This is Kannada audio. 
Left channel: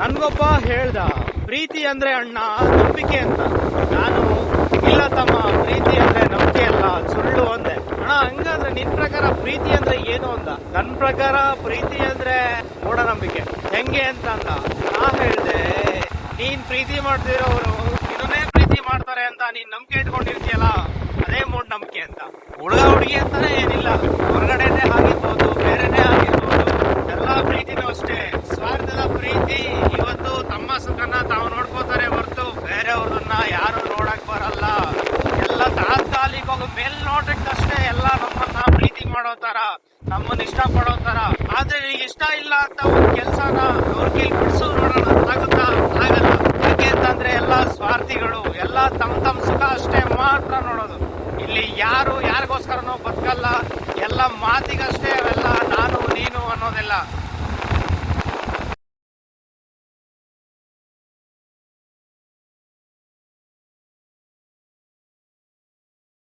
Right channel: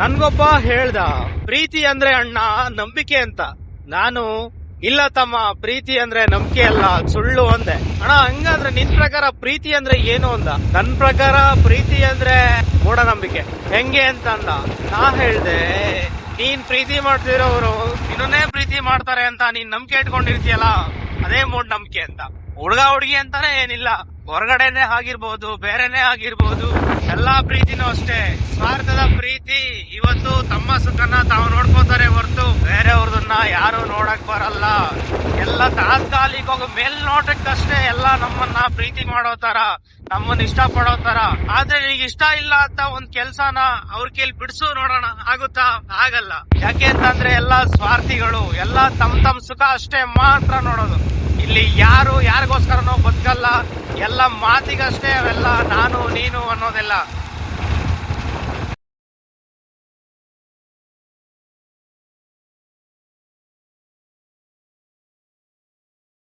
ನನ್ಗೊಬ್ಬ ಹೇಳ್ದ, ಪ್ರೀತಿ ಅಂದ್ರೆ ಅಣ್ಣ ನಂಬಿಕೆ ಅಂತ. ನಾನು ಇಲ್ಲ ತಮ್ಮ, ಪ್ರೀತಿ ಅಂದ್ರೆ ನಂಬಿಕೆ ಅಲ್ಲ, ಸುಳ್ಳು ಅಂದೆ. ಅಣ್ಣ ಹಂಗಾದ್ರೆ ನಿನ್ ಪ್ರಕಾರ ಪ್ರೀತಿ ಅಂದ್ರೆ ಏನು ಅಂದ. ನನ್ ಪ್ರಕಾರ ಪ್ರೀತಿ ಅಂದ್ರೆ ಮೂಢನಂಬಿಕೆ. ಹೆಂಗೆ ಅಂತ ಅಂದ. ನಾ ಹೇಳ್ದೆ, ನೀನ್ ಪ್ರೀತಿ ಮಾಡ್ತಿರೋರು ಇನ್ನೊಂದೇ ಪ್ರೀತಿ ಮಾಡ್ತಾರೆ ಅಂತ ನೀನ್ ನಂಬಿಕೆ ಇಟ್ಕೊಂಡಿರ್ತೀಯಲ್ಲ, ಅದೇ ಮೂಢನಂಬಿಕೆ ಅಂತ. ಹುಡುಗ ಹುಡುಗಿ ಅಂತಾನೆ ಏನಿಲ್ಲ, ಹೊರಗಡೆನೆ ಆಗಿರ್ಬೋದು, ಬೇರೆನೆ ಆಗಿರ್ಬೋದು, ಎಲ್ಲಾ ಪ್ರೀತಿನೂ ಅಷ್ಟೇ ಸ್ವಾರ್ಥದ ಪ್ರೀತಿ. ಇವತ್ತು ತಮ್ಮ ಸುಖನ ತಾವು ನೋಡ್ಕೋತಾರೆ ಹೊರತು ಬೇರೆಯವ್ರದನ್ನ ಯಾರು ನೋಡಕ್ ಬರಲ್ಲ. ಎಲ್ಲ ತಾತ್ಕಾಲಿಕ ಮೇಲ್ನೋಟಕ್ಕಷ್ಟೇ ಎಲ್ಲ ನಮ್ಮನ್ನ ಪ್ರೀತಿ ಮಾಡೋ ತರ, ನಮ್ಮನ್ನ ಇಷ್ಟ ಪಡೋ ತರ. ಆದ್ರೆ ಈಗ ಇಷ್ಟ ಇಲ್ಲ ಅಂತ ಒಂದ್ ಕೆಲ್ಸನ ಅವ್ರ ಕೈಲಿ ಬಿಡಿಸು ನೋಡೋಣ, ಆಗುತ್ತಾ? ಆಗಲ್ಲ. ಯಾಕೆ ಅಂತಂದ್ರೆ ಎಲ್ಲ ಸ್ವಾರ್ಥಿಗಳು, ಎಲ್ಲ ತಮ್ ಸುಖ ಅಷ್ಟೇ ಮಾತ್ರ ನೋಡೋದು. ಇಲ್ಲಿ ಯಾರು ಯಾರಿಗೋಸ್ಕರನೋ ಬದುಕಲ್ಲ, ಎಲ್ಲ ಮಾತಿಗಷ್ಟೇ ಅವೆಲ್ಲ ನಾನು ನೀನು ಅನ್ನೋದೆಲ್ಲ.